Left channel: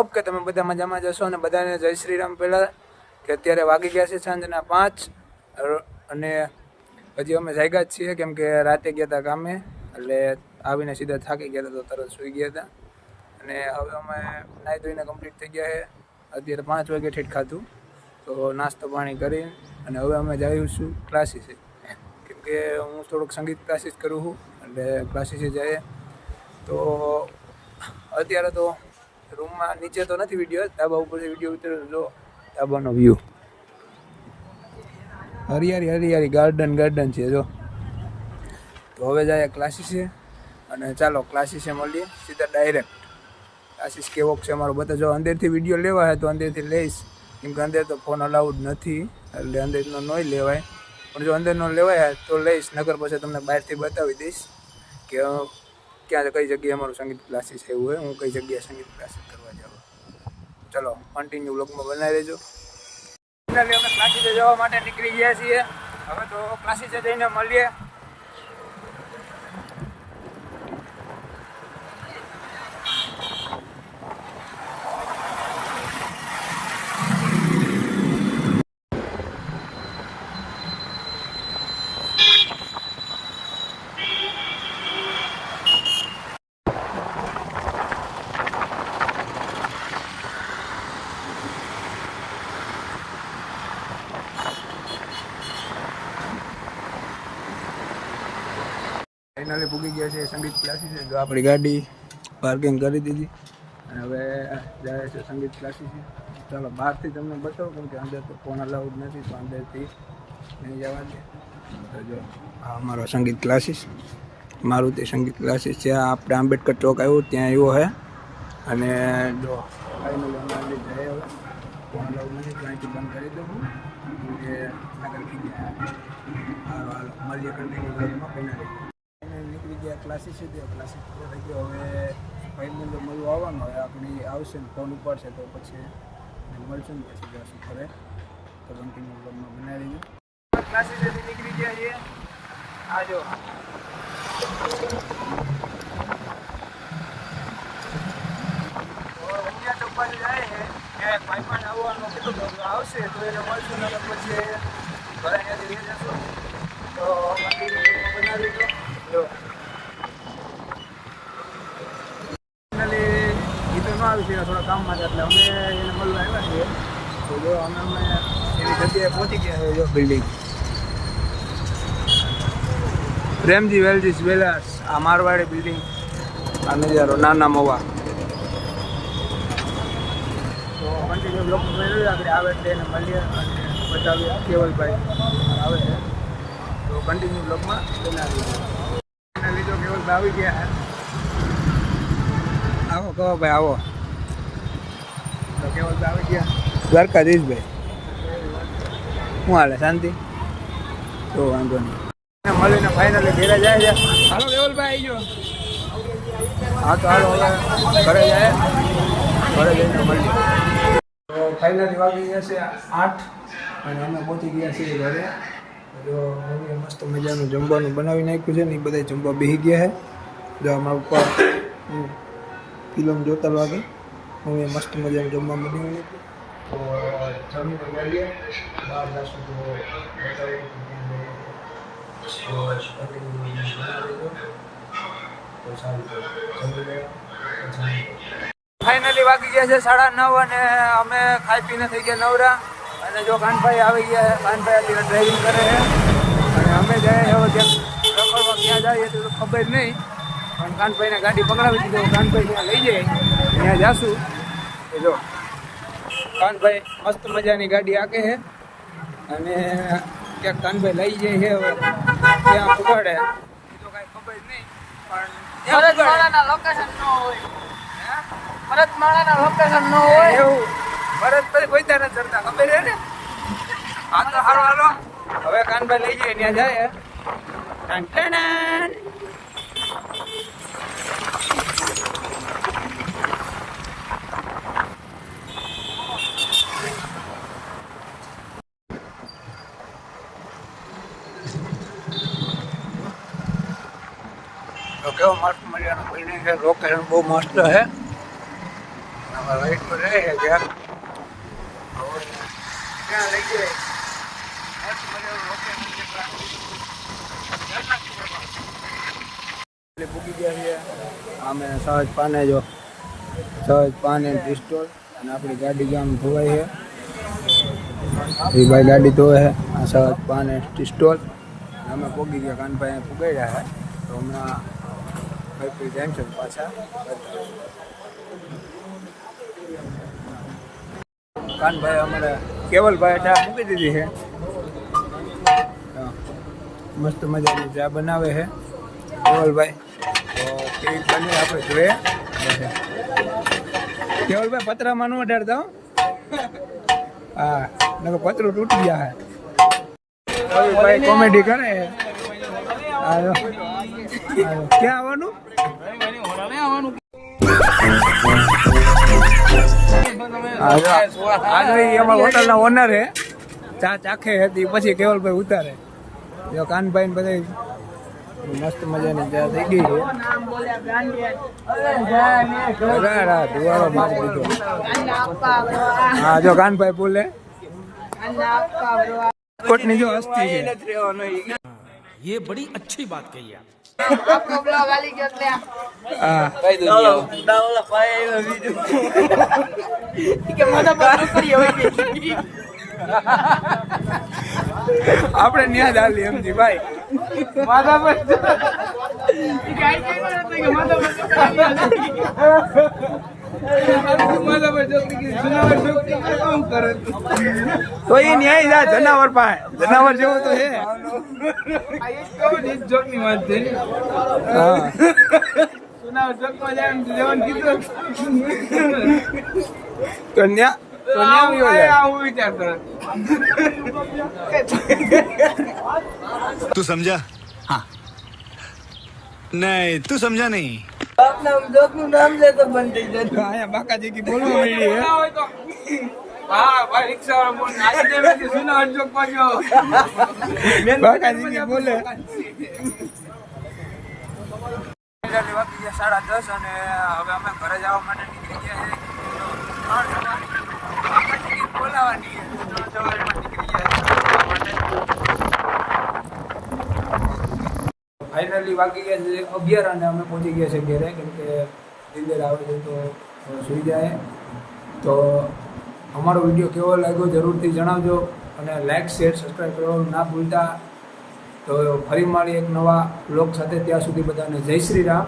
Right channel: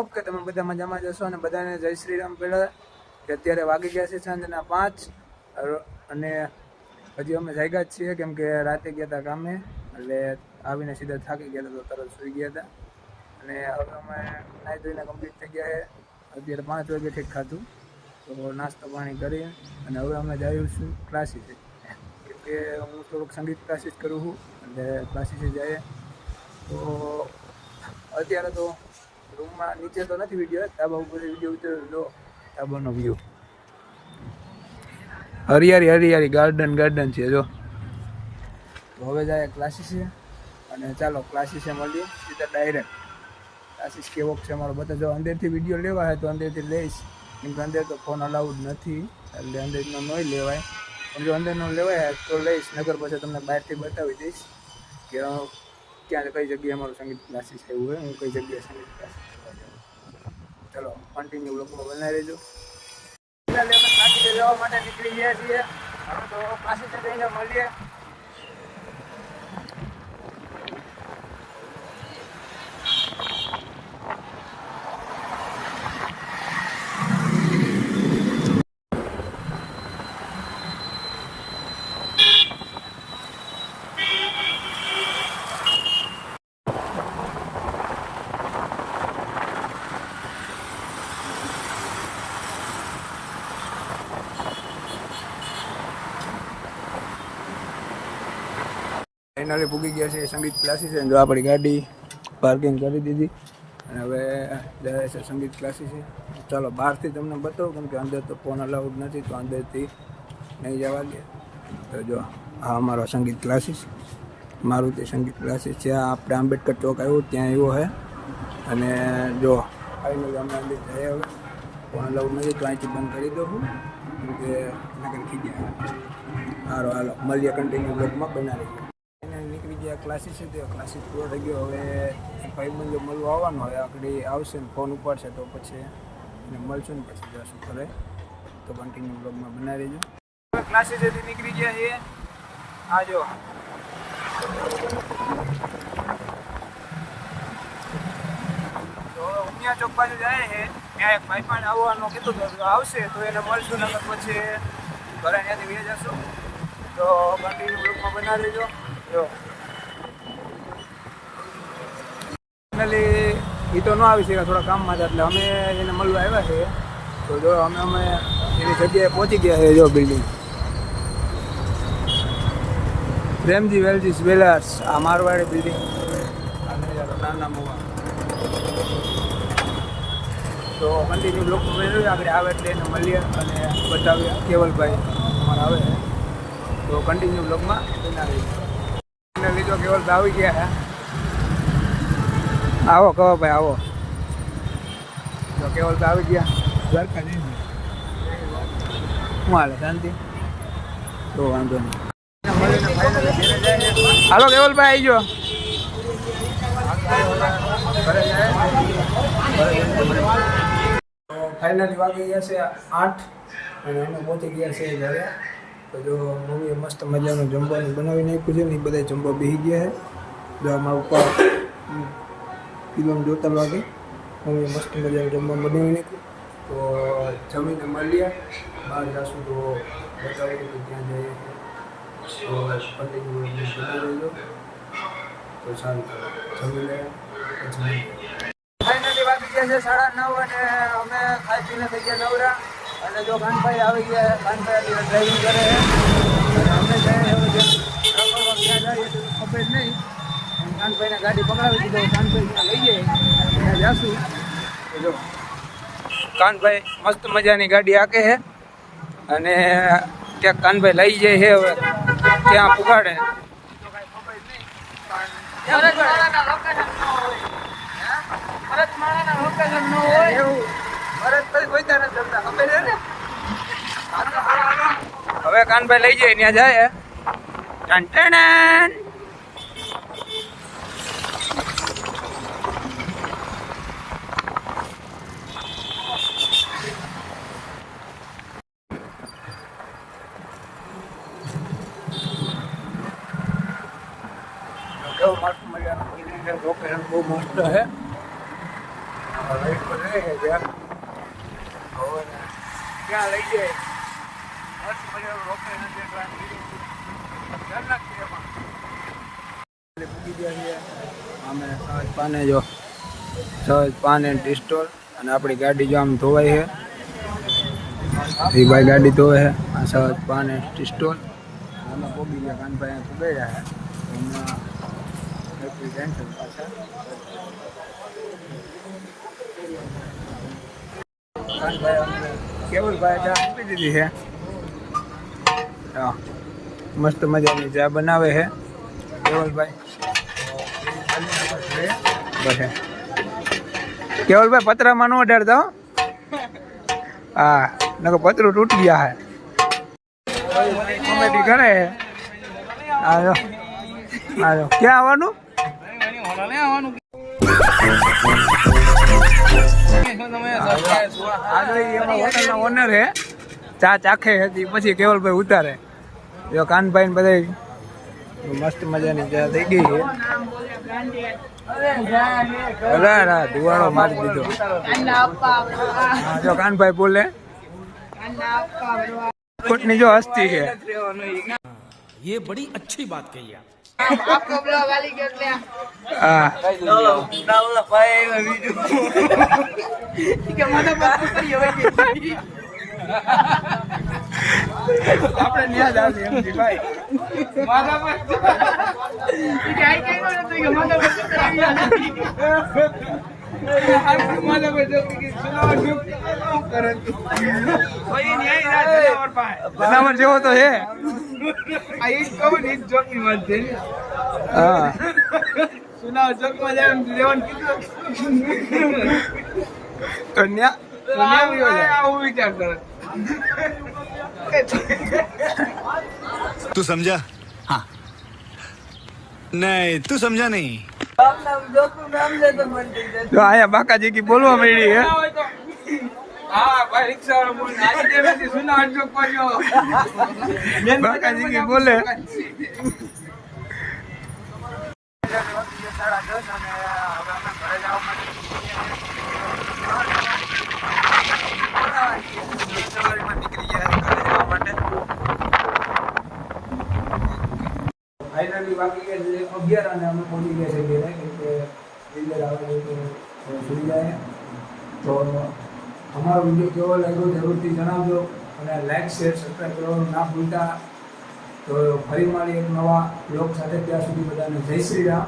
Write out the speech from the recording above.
Hope કે તમે બધા મજામાં જશો અને બધાને જય શ્રી રામ પહેલાં કે અત્યારે વાગી ગયા છે સાંજના પાંચ. અને હજી અમે જાગ્યા જ છીએ કેમ કે રાતે ગયા હતા કામે. એટલે આવીને સીધા થાકી ગયા હતા તો તરત સૂઈ ગયા હતા અને હવે અમે નાહી ધોઈને કમ્પ્લીટ થઈ ગયા છે. અત્યારે પાંચ વાગે ઠેઠ ખાધું. તો નાસ્તો પાણી કરી અને હવે અમે જઈએ છું ક્લાસીસે કેમ કે હું થોડુંક સંગીત ક્લાસીસ કરું છું. એટલે ક્લાસીસે જઈએ તો અત્યારે તો રૂમમાં નીચે તો નથી વીડિયો ધાબા ઉપરથી વીડિયો ઉતરે જો, ધાબાનો વ્યૂ હરિયાળી હરિયાળી ગાર્ડન ગાર્ડન છે, જો. તો હવે જાય ક્લાસીસે અને ચાલો ક્લાસીસે મળીએ, સીધા ડાયરેક્ટ ક્લાસીસ કેવો છે અમારો? બધા જો અંદરથી વીડિયો લેવા હોય તો અંદરથી લઈશ. કેમ કે અંદર તો ફોન અલાઉડ નથી, એટલે અંદરનો નહીં લેવાય. પણ જો અંદરનો લેવાય તો લઈશ નગર પછી તમને બહારથી બતાવી દઈશ કે ક્યાં કઈ જગ્યાએ અમારું સંગીત ક્લાસીસ આવ્યું હોય, હું કઈ જગ્યાએ સંગીત ક્લાસીસ કરવા જાઉં. ચલો કન્ટિન્યુ બ્લોગમાં બનાવી રહેજો ફાઇનલી અમે ક્લાસીસે જવા માટે નીકળી ગયા છીએ. હવે તો ક્લાસીસે જઈને મળીએ. ફાઇનલી પૂગી ગયા છે, સંગીત ક્લાસીસ જો આપણી ગાડી પાર્કિંગ કરી દીધી. અને હવે જાય છે, સંગીત ક્લાસીસ ચાલો, બહારથી તમને બતાવું, કેમ કે અંદર તો ફોન અલાઉડ નથી, તો અંદરથી નહીં જવા દે. તો જો, આ અમારો સંગીત ક્લાસીસ મારુતિ સંગીત ક્લાસીસ છે. આપણે આંબેડકર ચોક આવ્યું, ત્યાં આવ્યો છે અને જો ફાઇનલી અમે અંદર જઈએ હવે. ફોન અલાઉડ નથી, તો અહીંથી બંધ કરી દઉં કે નગર થઈ ગયા સારો હાલો, મળીએ કન્ટિન્યુ બ્લોગમાં બનાવી નીકળી ગયા ક્લાસીસ છે તે. ક્લાસીસ પૂરો થઈ હવે ભાઈબંધ મળવા આવવાનો. હોય આગળ આવશે ને ફોન ઉપાડશે તો પછી મળશું ને પછી જશું ઘરે. તો કન્ટિન્યુ બ્લોગમાં બનાવી દેજો. ક્લાસીસેથી નીકળી ગયા છીએ આ જો. તો ઉમિયા ચોક બાજુ જાય છે. ત્યાં એક ભાઈ કીધું આવશે તો એને મળશું ને પછી ઘરે ત્યાંથી વહી જશું. તો કન્ટિન્યુ બ્લોગમાં બનાવી લીધો જો. ફાઇનલી એ તો ન આવી શક્યા થોડા કામમાં હતા એટલે અમે એને મળવા આવ્યા છે તો જો, અમે અમે એની જગ્યાએ પહોંચી ગયા છે જો બિલ્ડિંગ પ્રેમજી વેલજી વેલાસ, આ મારવાડી બિલ્ડિંગ આ નજારો નાના મોવા. તો કન્ટિન્યુ બ્લોગમાં બની આગળ આવે એટલે એને મળીએ અને બતાવીએ. કેવલભાઈ અમારે આવે છે. તો કન્ટિન્યુ બ્લોગમાં બનાવી દો. એને લીધો કેવલભાઈ આવી ગયા આવો કહો ભાઈ આવો. તો કેવલભાઈ આવી ગયા. દ્વારકાધીશભાઈ. શું હાલે શાંતિ? તો વાંધો નહીં. મળીને ફાઇનલી ઘેરે જાય છે. હાલો કેવલભાઈ આવી ગયો. હા તો હાલો હવે ઘરે જાય. ઘરે જઈને મળીએ. તો ફાઇનલી વાગી ગયા છે આઠ અને અમે પહોંચી ગયા છીએ ઘરે. જો મમ્મીએ મસ્ત મજાનું જમવાનું બનાવી નાખ્યું છે ને એ બધા જમવા બેસી ગયા છે જો અમારા ઉપર ફિલ્મ જોતા લાગે. મમ્મીએ મસ્ત મજાનું જમવા બનાવી નાખ્યું. તો જમીને મળીએ. બહાર જશું તો બતાવી કે ત્યાં જઈએ તો કન્ટિન્યુ તો સારું જમી લે. ફાઇનલી વાગી ગયા છે સાડા નવ અને અમે ખાઈ પીને થઈ ગયા નવરા. અને જો કાનભાઈ આવી ગયા છે કાનભાઈ ડ્રાઈવિંગ ડ્રાઇવિંગ કરે છે. અને અમે જાય હવે જેમ રખડવા ક્યાં જઈએ તો ખબર નહીં. પણ કાનભાઈને ગાડી પકડાવી દીધો કાનભાઈ ત્યાં લઈ જાય. ત્યાં જાશું. જો કાનભાઈ મસ્ત મજાની ગાડી આકે છે. અને ક્યાંક કાનભાઈ લઈ જાય છે હવે ત્યાં પુગાડે. તો કાંઈ ખબર નહીં પણ ક્યાં પુગાડે. એવું ભરત પછી કોઈ નથી ચડતા, ખબર હા તો હાલો હવે કાનભાઈ લઈ જાય ત્યાં જાય ટન ટન કેવો મસ્ત મજાનો બિલ્ડિંગ છે લોકેશન બહુ મસ્ત છે. રાઈટ પર રહે છે ત્યાં લઈ જાય પાને જો, સહજ પાને એન્ડ અને આપણી ગાડી જો આમ ધોવાઈ છે. એ ભાઈ ગાડી ધોવે છે, આ સહજ પાન અને અમે પોગી ગયા, કાનભાઈ પુગાઈ રહ્યા તો હમણાં ફરી ટાઈમ છે પાછા. કાનભાઈ અમારે કેવલભાઈ ચા મૂકી દીધી છે. હા, મસ્ત મજાની ચા બનાવે છે. કેવલભાઈ? તો બની આપણે જોઈએ. બસે કેવલભાઈ, પતરામાં ન અડાડતા હો. હા, નકર પતરું તૂટી ગયા હે. કેવલભાઈ કોમેડી કરે છે. આજો આજો ક્યાં આવવાનું? આજો ઈ અમારા હોટલનો ઓનર હે ચા ચાખે હતી પછી કેવલભાઈ ઉતારે જો કાનભાઈ ને બધા મસ્ત મજાની ચા થઈ ગઈ છે અરે અરે ધુવાડો મારી દીધો હા જો કાનભાઈ બોલે કોટની જો હસ્તી છે ये बड़ी अच्छी बात कही आप હા. આપણે ન્યા ડાલી એમજી ભાઈ. તો એ ન્યાય જા જનાવર પાસે. જનાવર જેવો તો છે હા તો ન્યા તો ન્યા આવ્યો જાય तू કન્યા કન્યા આવી હોય હું વિચારતો તું સમજા હા નહીં તું સમજા નહીં બાકાજી કી બોલવા મળી બાકાજી કી બોલે સાડા દસ અને હવે અમે ઘરે જવા માટે ફાઇનલી વાગી ગયા છે અગિયાર અને અમે પહોંચી ગયા છે ઘેરે, કેમ કે નીંદર આવે છે તો સુઈ જાય. તો અમારો વીડિયો કેવો લાગ્યો જરૂરથી જણાવજો અને લાઇક શેર સબસ્ક્રાઈબ કરવાનું ના ભૂલતા. તો ફરી મળી એક નવા બ્લોગ સાથે ત્યાં સુધી બધાને જય શ્રી રામ.